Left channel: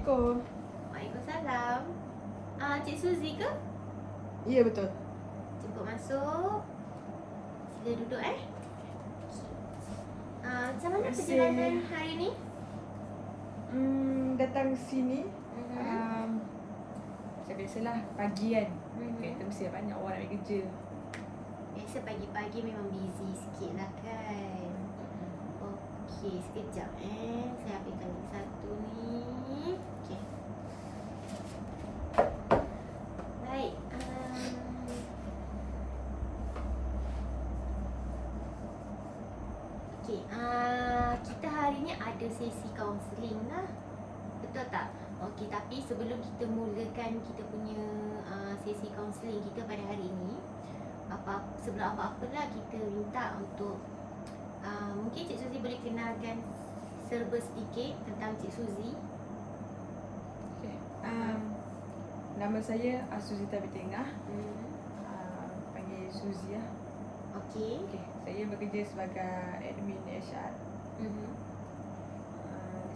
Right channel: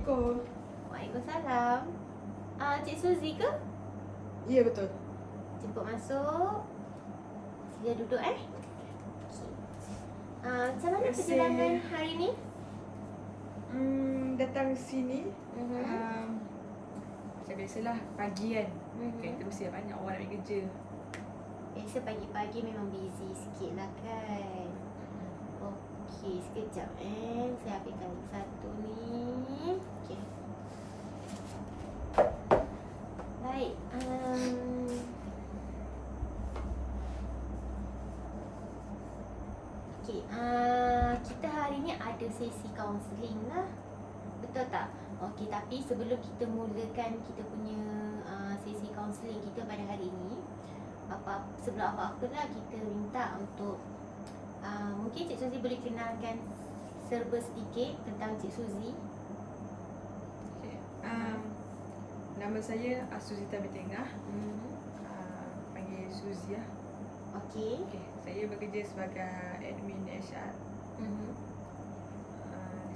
Assalamualaikum. Waalaikumsalam. Cik Suzy ke? Ya, betul. Jemput masuk. Sila duduk Macam mana Terima kasih. perjalanan hari ni? Datang sini Mhm. macam biasalah pagi kan. Mhm. Kereta mesti banyak orang nak pergi kerja. Biasa pagi-pagi memang busy sikit lah kan. Okey, sekejap saya ambilkan satu ni. Okey. Baik. Okey, kita hari ni ada sesi kaunseling lah. Betul tak? Okey, tapi sebelum kita mulakan kita punya sesi kaunseling kita pada hari ini, sebelum apa-apa lah kita minta untuk mungkin Cik Suzy boleh kenalkan serba sedikit tentang Cik Suzy. Okay. Nama saya Suzita Bitengah. Panggil Suzy lah. Okey. Okay. Saya bekerja sebagai admin HR.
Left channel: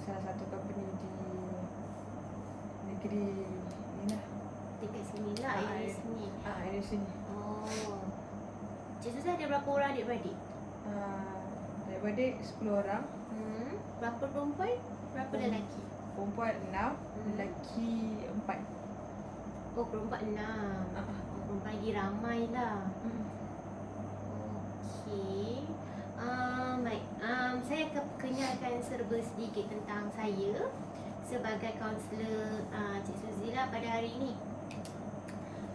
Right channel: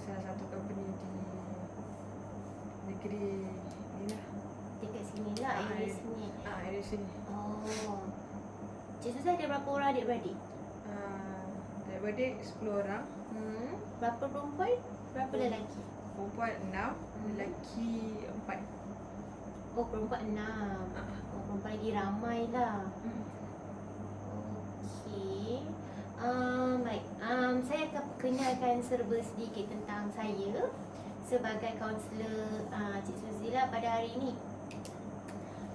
Salah satu company di negeri ni lah. Dekat sini lah, area sini. Area sini. Oh. Cik Suzy ada berapa orang adik-beradik? Adik-beradik 10 orang. Berapa perempuan? Berapa lelaki? Perempuan 6, lelaki 4. Oh, perempuan 6. Oh, perempuan lagi ramai lah. Okey. Baik. Saya akan kenalkan serba sedikit tentang saya sebagai kaunselor Cik Suzy lah pada hari ini.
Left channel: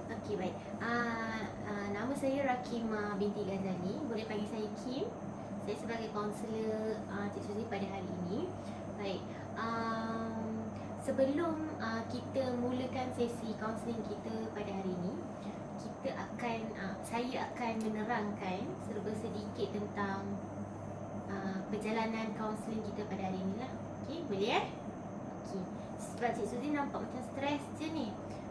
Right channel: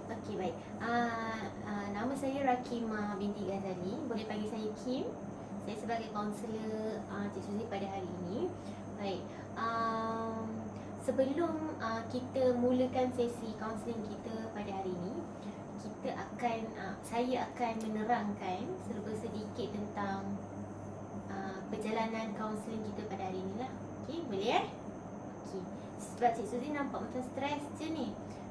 Okey, baik. Nama saya Rakima binti Ghazali. Boleh panggil saya Kim. Saya sebagai kaunselor Cik Suzy pada hari ini. Baik. Sebelum kita mulakan sesi kaunseling kita pada hari ini, saya akan menerangkan serba sedikit tentang perjalanan kaunseling kita pada hari ini lah. Okey, boleh Okey. Sebab Cik Suzy nampak macam stres je ni.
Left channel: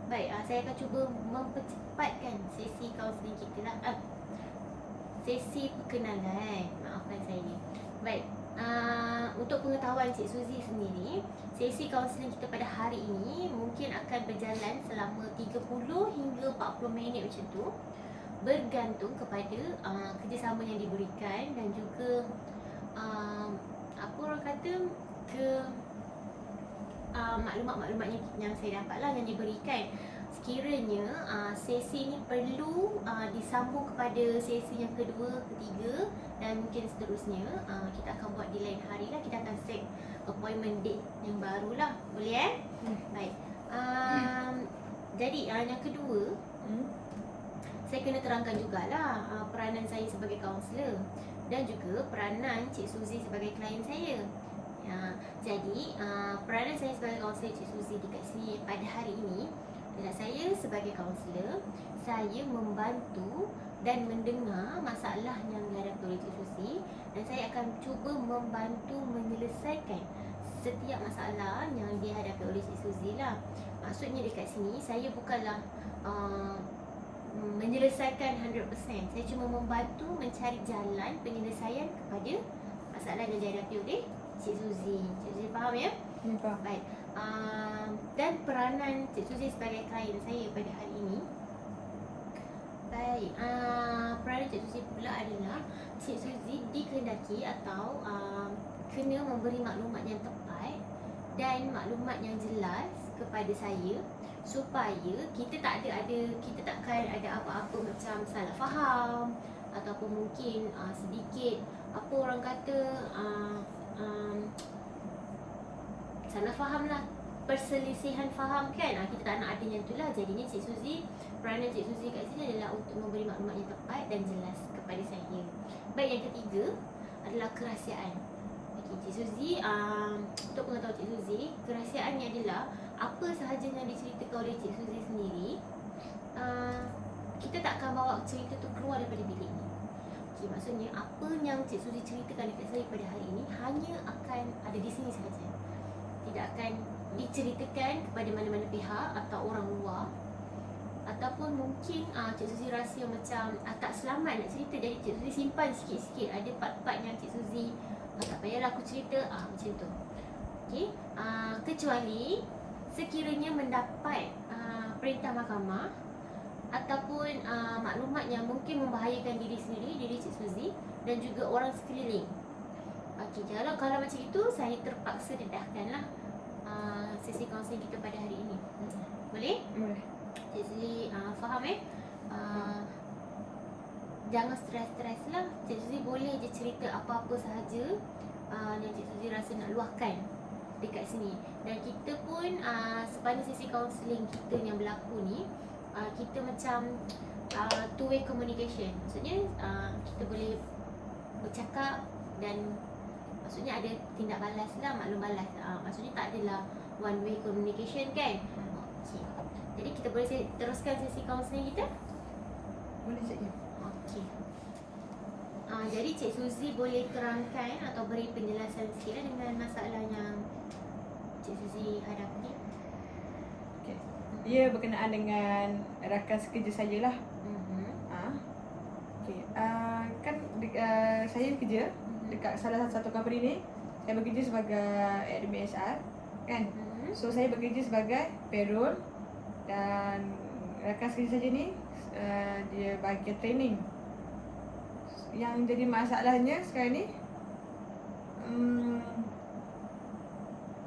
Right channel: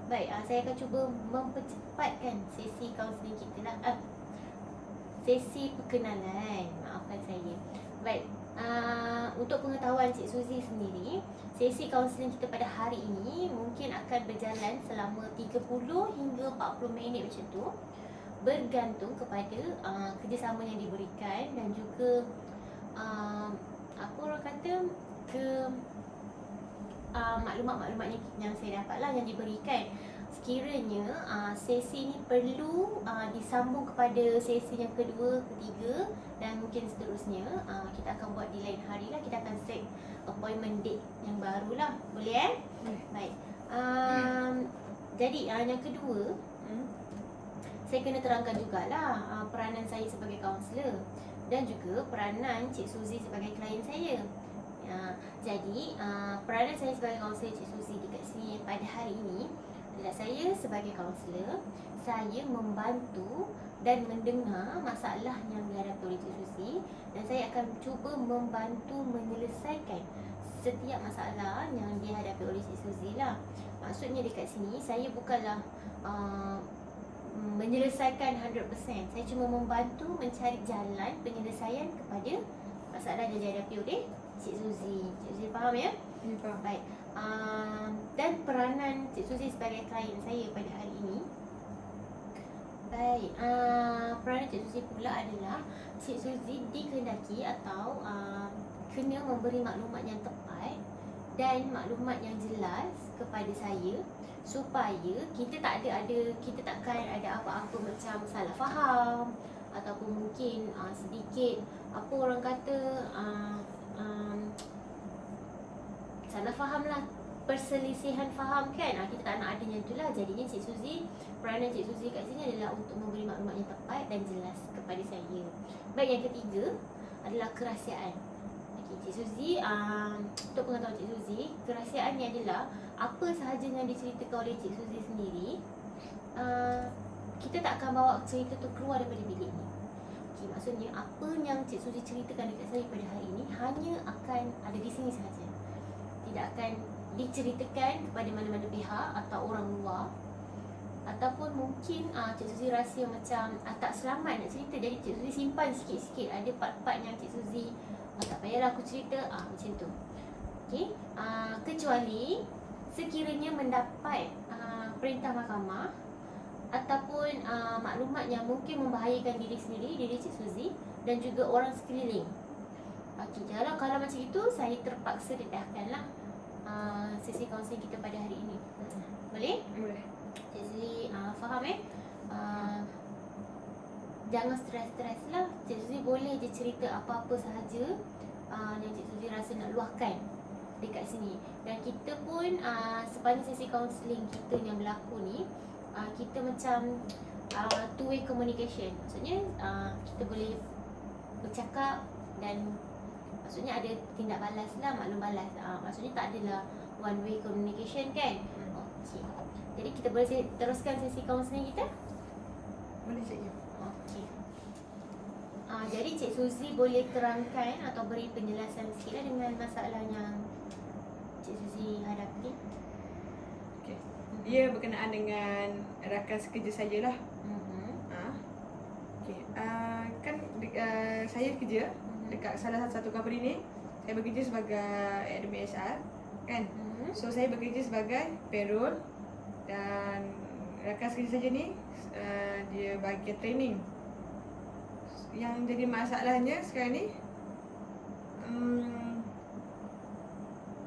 Baik, saya akan cuba mempercepatkan sesi kaunseling kita lah. Sesi perkenalan, maafkan saya. Baik, untuk pengetahuan Cik Suzy sendiri, sesi kaunseling kita pada hari ini mungkin akan berjalan selama 30 hingga 40 minit macam tu, bergantung kepada kerjasama yang diberikan dan juga apa orang kata maklumat-maklumat yang saya dapat lah yang diberikan. Sekiranya sesi ni perlu disambung kepada sesi yang kedua, ketiga dan mungkin seterusnya, kita akan buat di lain hari lah. Kita akan set appointment date yang baru lah. Boleh Baik. Jadi yang kedua, saya kena terangkan jugalah peranan saya sebagai kaunselor dan juga peranan Cik Suzy sebagai klien saya. Jadi peranan saya sebagai kaunselor Cik Suzy dekat sini pada hari ini adalah saya sebagai kaunselor, saya membantu dan mendengar masalah yang dihadapi oleh Cik Suzy dan saya akan cuba membantu menyelesaikan setiap masalah yang dihadapi oleh Cik Suzy lah. Maksudnya dekat sini saya bukanlah menyelesaikan 100%. Saya cuma membantu mencari jalan penyelesaian kepada masalah yang dihadapi oleh Cik Suzy. Cik Suzy faham ya? Faham. Baik. Dan peranan Cik Suzy sebagai klien saya pada hari ini. Baik. Peranan Cik Suzy pula adalah Cik Suzy dikehendaki atau kena memberi maklumat yang tepat dan maklumat yang jelas kepada saya supaya kita takkan ada apa-apa macam salah faham ataupun mungkin sedikit apa orang kata salah faham lah, perselisihan faham kan. Kita tak nak adanya itulah. Jadinya Cik Suzy, peranan Cik Suzy kat sini adalah untuk memberi maklumat yang tepat dan jelas kepada saya. Baik, yang ketiga adalah kerahsiaan. Okey, Cik Suzy, untuk pengetahuan Cik Suzy, kerahsiaannya adalah apa sahaja yang diceritakan oleh Cik Suzy sendiri, kita tak akan bawa cerita tu keluar daripada bilik ni. Okay, maksudnya apa yang Cik Suzy ceritakan dekat saya pada hari ini hanya akan ada di sini sahaja. Tidak akan diceritakan kepada mana-mana pihak atau orang luar. Ataupun mungkin Cik Suzy rasa macam tak selamat nak cerita, jadi Cik Suzy simpan sikit-sikit. Ada part-part yang Cik Suzy tak payahlah aku cerita, macam tu. Okay, kecuali sekiranya mendapat perintah mahkamah ataupun maklumat yang mungkin membahayakan diri sendiri, diri Cik Suzy dan juga orang sekeliling. Okey, kalau macam itu saya terpaksa dedahkanlah sesi kaunseling kita pada hari ini. Boleh? Boleh. Cik Suzy faham jangan stres-stres lah. Cik Suzy boleh je cerita apa-apa sahaja yang Cik Suzy rasa nak luahkan dekat sini. Dan kita pun sepanjang sesi kaunseling kita yang berlaku ni, kita macam two way communication. Maksudnya kita boleh bercakap dan maksudnya ada tindak balas lah, maklum balas. Maksudnya tak adalah one way communication kan. Okay. Jadi kita boleh teruskan sesi kaunseling kita? Boleh cikgu. Okey. Jadi Cik Suzy boleh terangkan atau beri penjelasan sikit dengan masalah yang Cik Suzy hadapi. Okey. Dia berkenaan dengan rakan sekerja saya lah. Okey. Kan saya kerja dekat salah satu company ni. Saya bekerja sebagai admin HR kan. So saya bekerja sebagai payroll dan rakan sekerja saya ni dia bagi training. Yang jadi masalahnya sekarang ni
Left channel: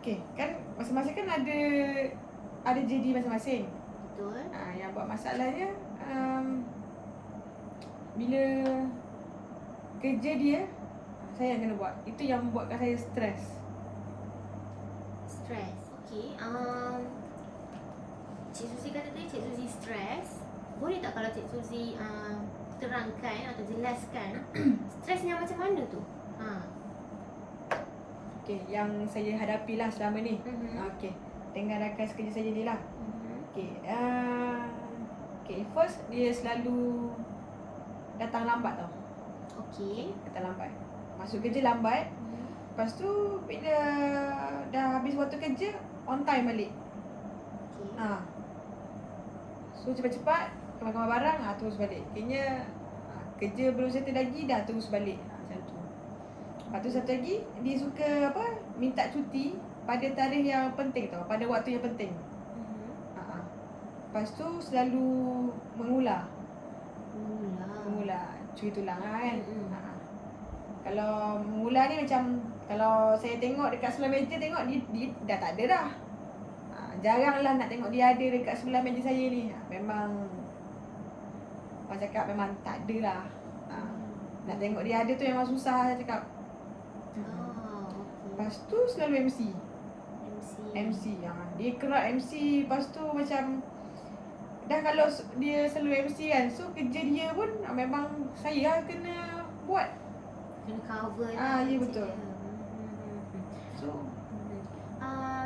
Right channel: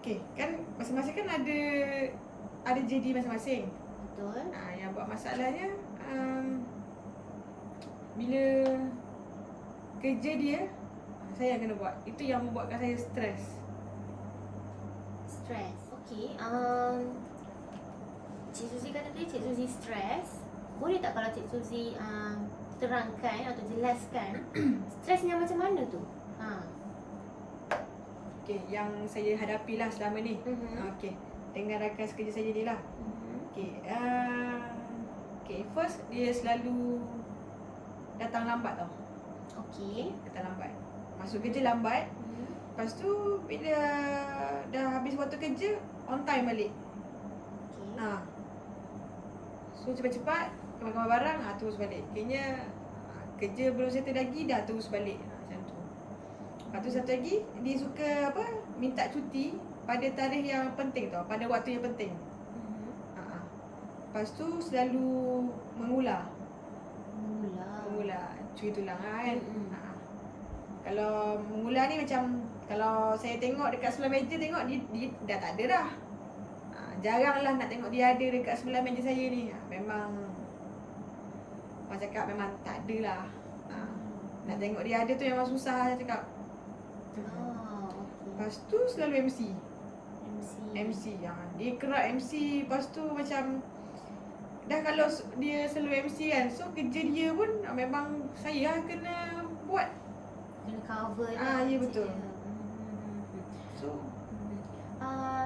okey, kan masing-masing kan ada JD masing-masing. Betul. Yang buat masalahnya bila kerja dia saya yang kena buat. Itu yang membuatkan saya stres. Stres. Okey. Cik Suzy kata tadi Cik Suzy stres. Boleh tak kalau Cik Suzy terangkan atau jelaskan stresnya macam mana tu? Okey, yang saya hadapilah selama ni. Okey, dengan rakan sekerja saya ni lah. Okey, first dia selalu datang lambat tau. Okey. Datang lambat. Masuk kerja lambat. Lepas tu bila dah habis waktu kerja, on time balik. Okey. So cepat-cepat kemas-kemas barang, terus balik. Kayaknya kerja belum settle lagi, dah terus balik. Macam tu. Lepas tu satu lagi, dia suka minta cuti pada tarikh yang penting tau, pada waktu yang penting. Lepas tu selalu mengular, curi tulang lah kan. Kalau mengular ni macam, kalau saya tengok dekat sebelah meja, tengok dia dah tak ada dah. Jarang lah nak tengok dia ada dekat sebelah meja saya ni. Memang orang cakap memang tak ada lah. Nak tengok dia ada tu memang susah saya cakap. Lepas tu selalu MC. Dia kerap MC. Lepas tu macam dah kalau dia selalu MC kan, so kerja dia pun memang saya lah kena buat. Kena cover. Ya betul. So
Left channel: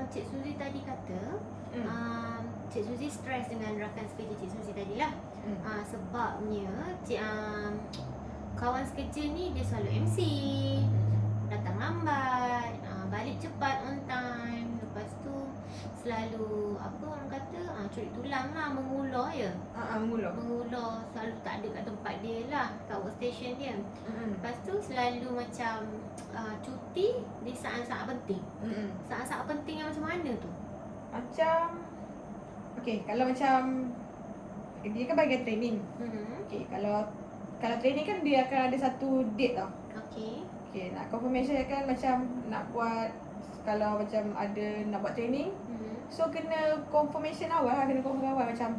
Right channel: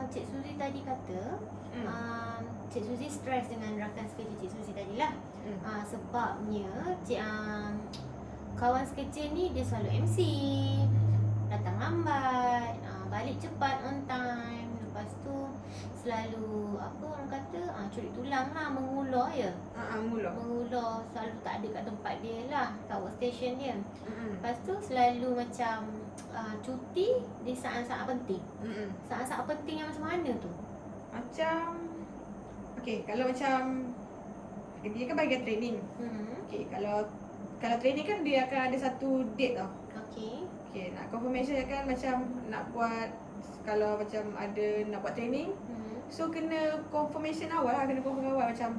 Cik Suzy tadi kata Cik Suzy stres dengan rakan sekerja Cik Suzy tadi lah. Sebabnya kawan sekerja ni dia selalu MC, datang lambat, balik cepat on time. Lepas tu selalu apa orang kata curi tulang lah, mengular je. Mengular selalu tak ada kat tempat dia lah, kat workstation dia. Lepas tu selalu macam cuti di saat-saat penting. Saat-saat penting yang macam mana tu? Macam okey, kalau macam dia kan bagi training. Okey, kalau training kan dia akan ada satu date tau. Okey, nak confirmation kan macam nak buat, kalau macam ada nak buat training, so kena confirmation awal lah, kena confirm awal macam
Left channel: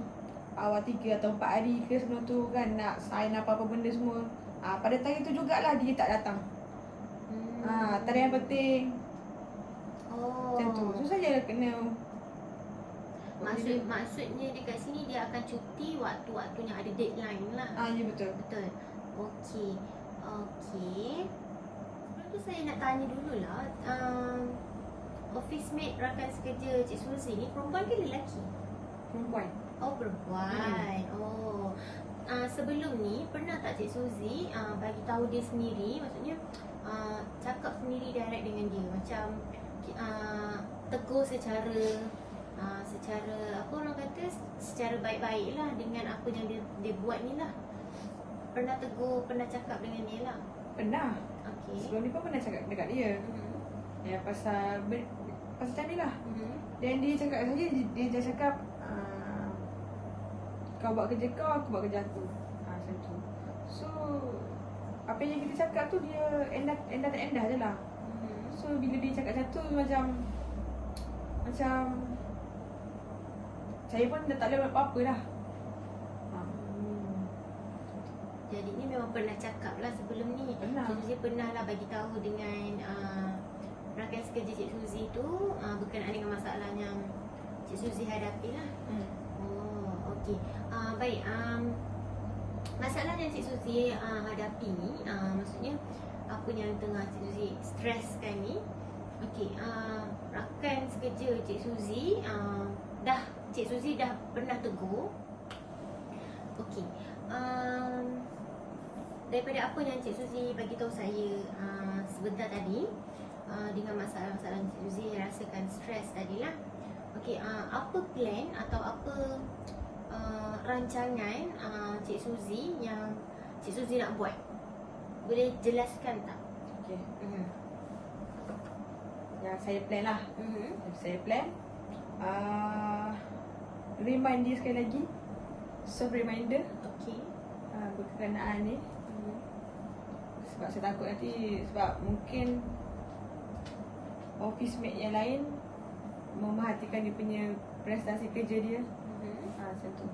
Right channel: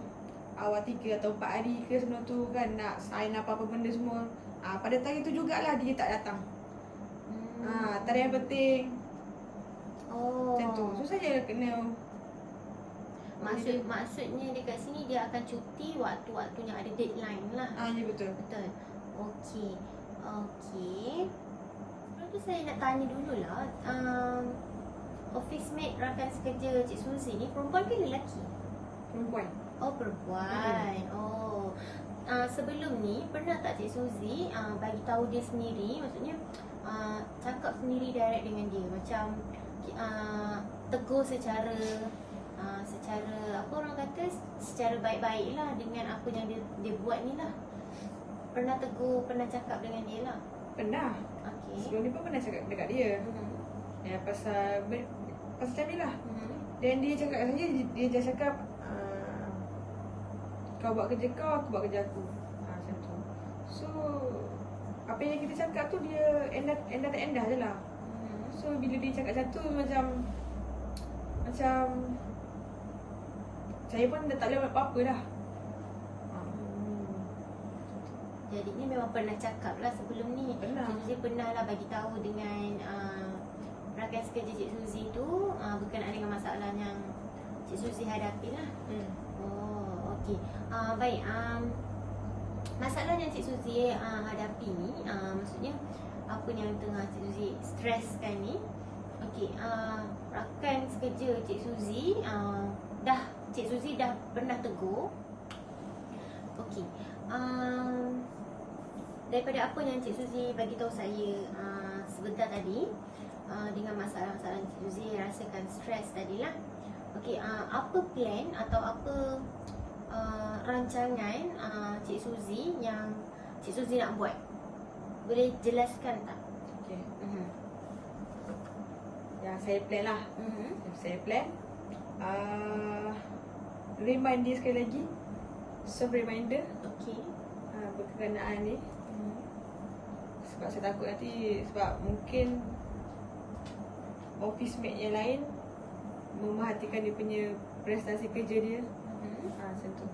awal 3 atau 4 hari ke sebelum tu kan, nak sign apa-apa benda semua. Pada tarikh tu jugalah dia tak datang. Tarikh yang penting. Macam tu. So saya kena Maksudnya dekat sini dia akan cuti waktu-waktu yang ada deadline lah. Ya betul. Okey. Sebelum tu saya nak tanya dululah, office mate rakan sekerja Cik Suzy ni perempuan ke lelaki? Perempuan. Oh, perempuan. Sebelum ni pernah tak Cik Suzy bagi tahu dia sendiri, maksudnya cakap sendiri direct dengan dia, macam tegur secara apa orang kata, secara baik-baik lah dengan apa yang dia buat ni lah. Pernah tegur, pernah cakap dengan dia lah? Pernah. Okey. Sebelum ni pun pernah cakap dekat dia. Ya pasal pasal ni lah. Dan dia cakap dengan saya, dia cakap kau buat kerja kau, aku buat kerja aku. Macam tu. So apa yang kita cakap tu dia endah tak endah je lah. So bila dia cakap macam tu macam saya pun dah tak boleh buat apa-apa dah. Jadi ni memang pernah cakap lah sebelum ni. Pernah. Cik Suzy pernah lah bagi tahu dengan rakan sekerja Cik Suzy tu berkenaan dengan masalah yang Cik Suzy hadapi lah. Oh, okey. Baik. Masalah yang Cik Suzy hadapi ni, maksudnya apa yang tengah Cik Suzy streskan ni. Okey, rakan sekerja Cik Suzy Cik Suzy dah pernah tegur. Okey. Daripada apa yang Cik Suzy bagi tahu saya sebentar tadi, dengan masalah-masalah Cik Suzy rasakan stres tadilah. Okey, apa plan atau apa rancangan Cik Suzy yang Cik Suzy nak buat? Boleh jelaskan tak? Okey. Yang saya plan lah. Saya plan remind dia sekali lagi, soft reminder. Okey. Berkenaan ni. Sebab saya takut nanti, sebab mungkin office mate yang lain memerhatikan dia punya prestasi kerja dia. Macam tu.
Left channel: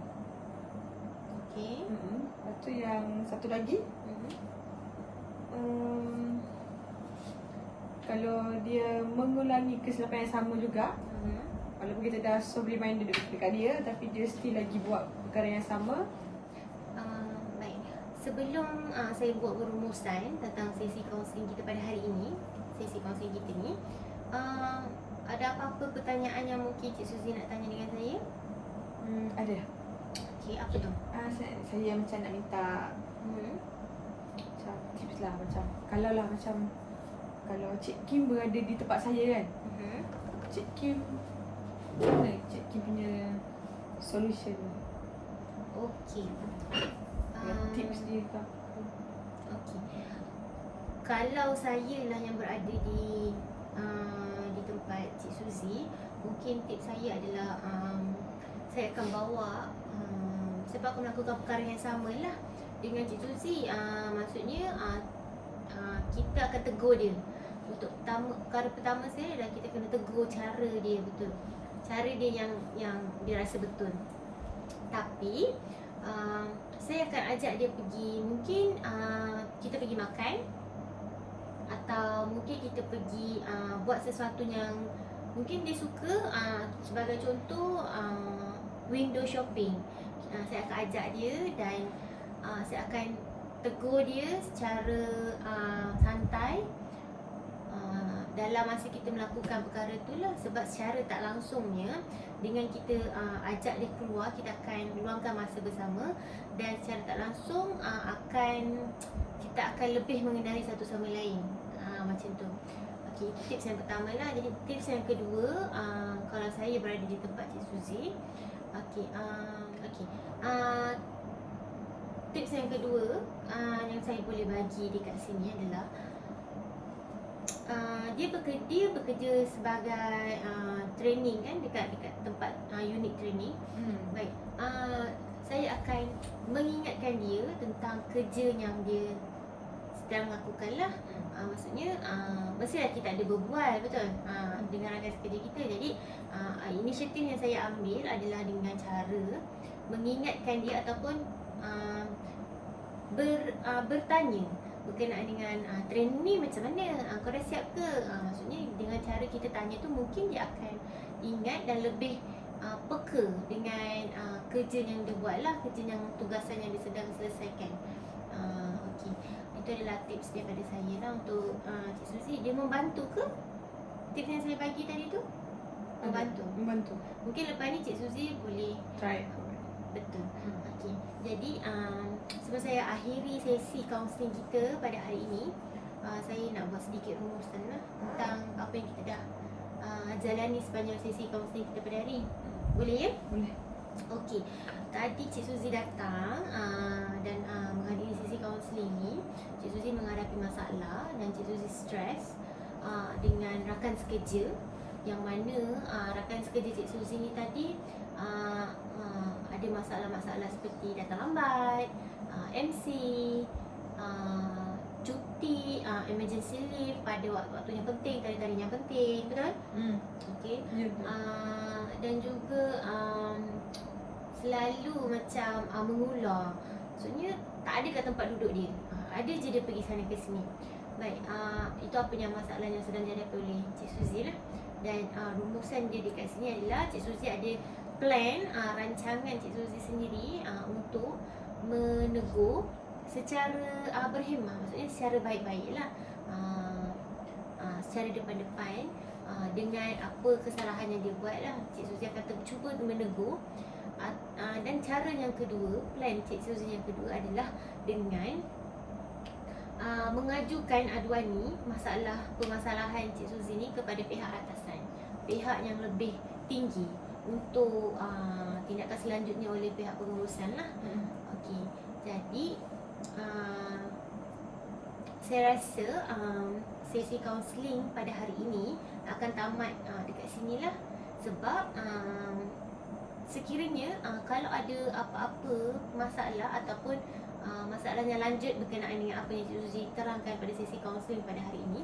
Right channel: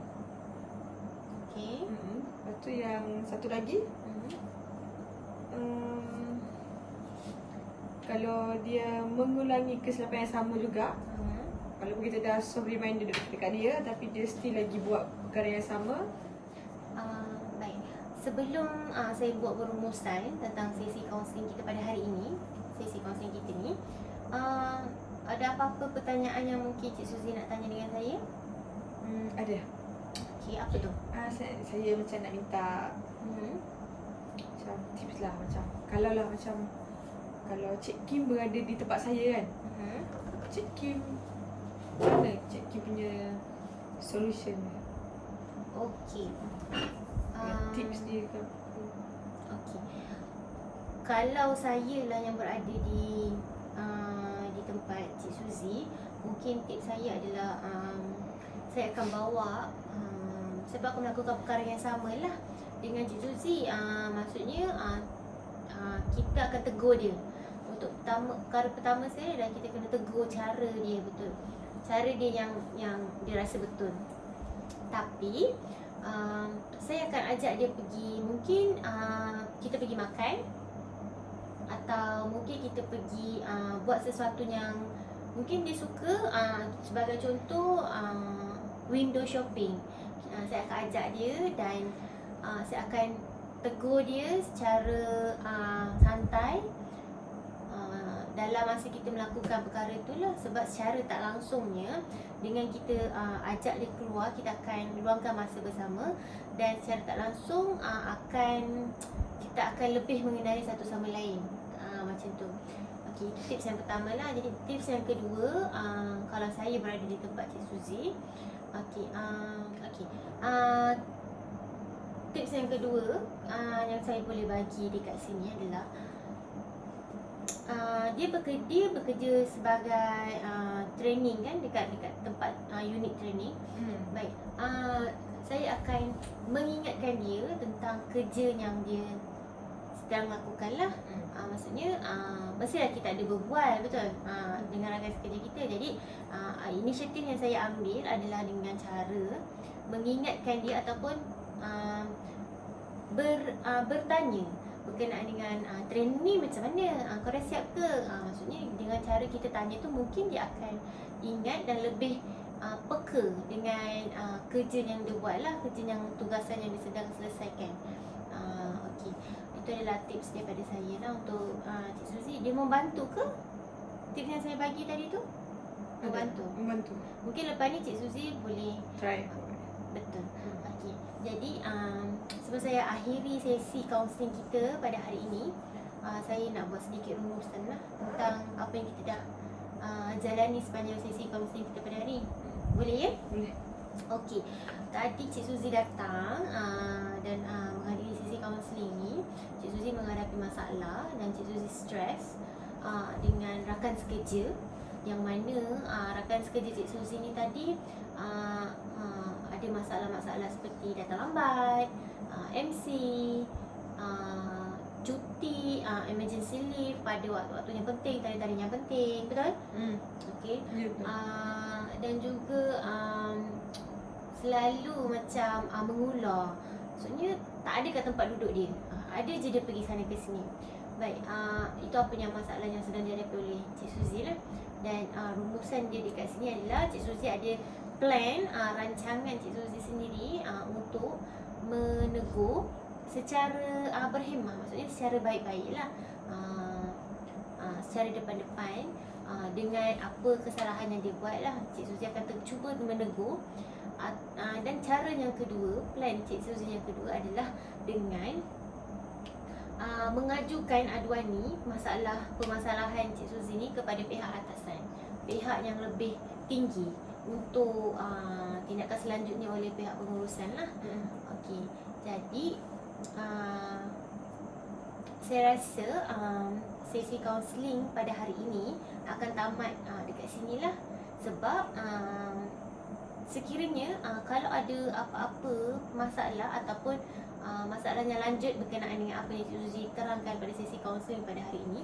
Okey. Lepas tu yang satu lagi, kalau dia mengulangi kesilapan yang sama juga, walaupun kita dah soft reminder dekat dia, tapi dia still lagi buat perkara yang sama. Baik. Sebelum saya buat perumusan tentang sesi kaunseling kita pada hari ini, sesi kaunseling kita ni, ada apa-apa pertanyaan yang mungkin Cik Suzy nak tanya dengan saya? Ada. Okey, apa tu? Saya macam nak minta macam tips lah, macam kalau Cik Kim berada di tempat saya kan, Cik Kim, macam mana Cik Kim punya solution? Okey. Tips dia ke? Okey. Kalau saya lah yang berada di tempat Cik Suzy, mungkin tips saya adalah saya akan bawa sebab aku melakukan perkara yang sama lah dengan Cik Suzy. Maksudnya kita akan tegur dia. Untuk perkara pertama saya adalah kita kena tegur cara dia betul. Cara dia yang dia rasa betul. Tapi saya akan ajak dia pergi, mungkin kita pergi makan, atau mungkin kita pergi buat sesuatu yang mungkin dia suka. Sebagai contoh, window shopping. Saya akan ajak dia dan saya akan tegur dia secara santai dalam masa kita melakukan perkara tu lah. Sebab secara tak langsungnya, dengan kita ajak dia keluar, kita akan luangkan masa bersama, dan secara tak langsung kita akan lebih mengenali satu sama lain. Macam tu. Okey, itu tips yang pertama lah. Jadi tips yang kedua, kalau saya berada di tempat Cik Suzy, tips yang kedua yang saya boleh bagi dekat sini adalah dia bekerja sebagai training kan, dekat tempat unit training. Baik, saya akan mengingatkan dia tentang kerja yang dia sedang lakukan lah. Maksudnya mestilah kita ada berbual, betul, dengan rakan sekerja kita. Jadi inisiatif yang saya ambil adalah dengan cara mengingatkan dia ataupun bertanya berkenaan dengan training ni macam mana, kau dah siap ke? Maksudnya dengan cara kita tanya tu, mungkin dia akan ingat dan lebih peka dengan kerja yang dia buat lah, kerja yang tugasan yang dia sedang selesaikan. Okey, itu adalah tips daripada saya lah untuk Cik Suzy. Dia membantu ke tips yang saya bagi tadi tu? Membantu. Mungkin lepas ni Cik Suzy boleh try. Betul. Okey. Jadi sebelum saya akhiri sesi kaunseling kita pada hari ini, saya nak buat sedikit rumusan lah tentang apa yang kita dah jalani sepanjang sesi kaunseling kita pada hari ini. Boleh ya? Boleh. Okey. Tadi Cik Suzy datang dan menghadiri sesi kaunseling ni. Cik Suzy menghadapi masalah dan Cik Suzy stres dengan rakan sekerja. yang mana rakan sekerja Cik Suzy ni tadi ada masalah-masalah seperti datang lambat, MC, cuti, emergency leave pada waktu-waktu yang penting, tarikh-tarikh yang penting, betul? Okey. Ya, betul. Dan juga selalu macam mengular. Maksudnya tak ada kat tempat duduk dia. Ada je dia pergi sana ke sini. Baik, itu apa yang masalah yang sedang dihadapi oleh Cik Suzy lah. Dan rumusan dia dekat sini adalah Cik Suzy ada plan, rancangan Cik Suzy sendiri untuk menegur secara berhemah. Maksudnya secara baik-baik lah, secara depan-depan, dengan apa kesalahan yang dia buat lah. Cik Suzy akan cuba menegur. Dan cara yang kedua, plan Cik Suzy yang kedua adalah dengan mengajukan aduan ni, permasalahan Cik Suzy ni kepada pihak atasan, pihak yang lebih tinggi untuk tindakan selanjutnya oleh pihak pengurusan lah. Okey, jadi saya rasa sesi kaunseling pada hari ini akan tamat dekat sini lah. Sebab sekiranya kalau ada apa-apa masalah ataupun masalah yang lanjut berkenaan dengan apa yang Cik Suzy terangkan pada sesi kaunseling pada hari ini,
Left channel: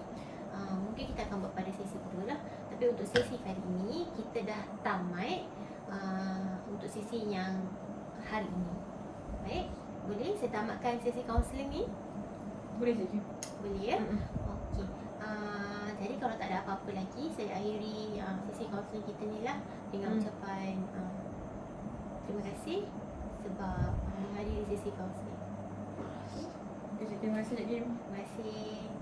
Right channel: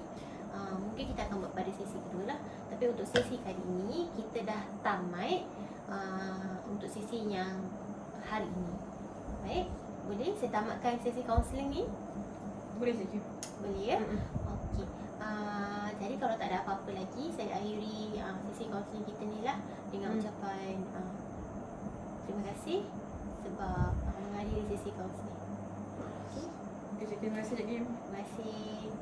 mungkin kita akan buat pada sesi kedua lah. Tapi untuk sesi kali ini kita dah tamat untuk sesi yang hari ini. Baik, boleh saya tamatkan sesi kaunseling ni? Boleh Cikgu. Boleh ya? Okey. Jadi kalau tak ada apa-apa lagi, saya akhiri sesi kaunseling kita ni lah dengan ucapan terima kasih sebab menghadiri sesi kaunseling. Terima kasih Cikgu. Terima kasih.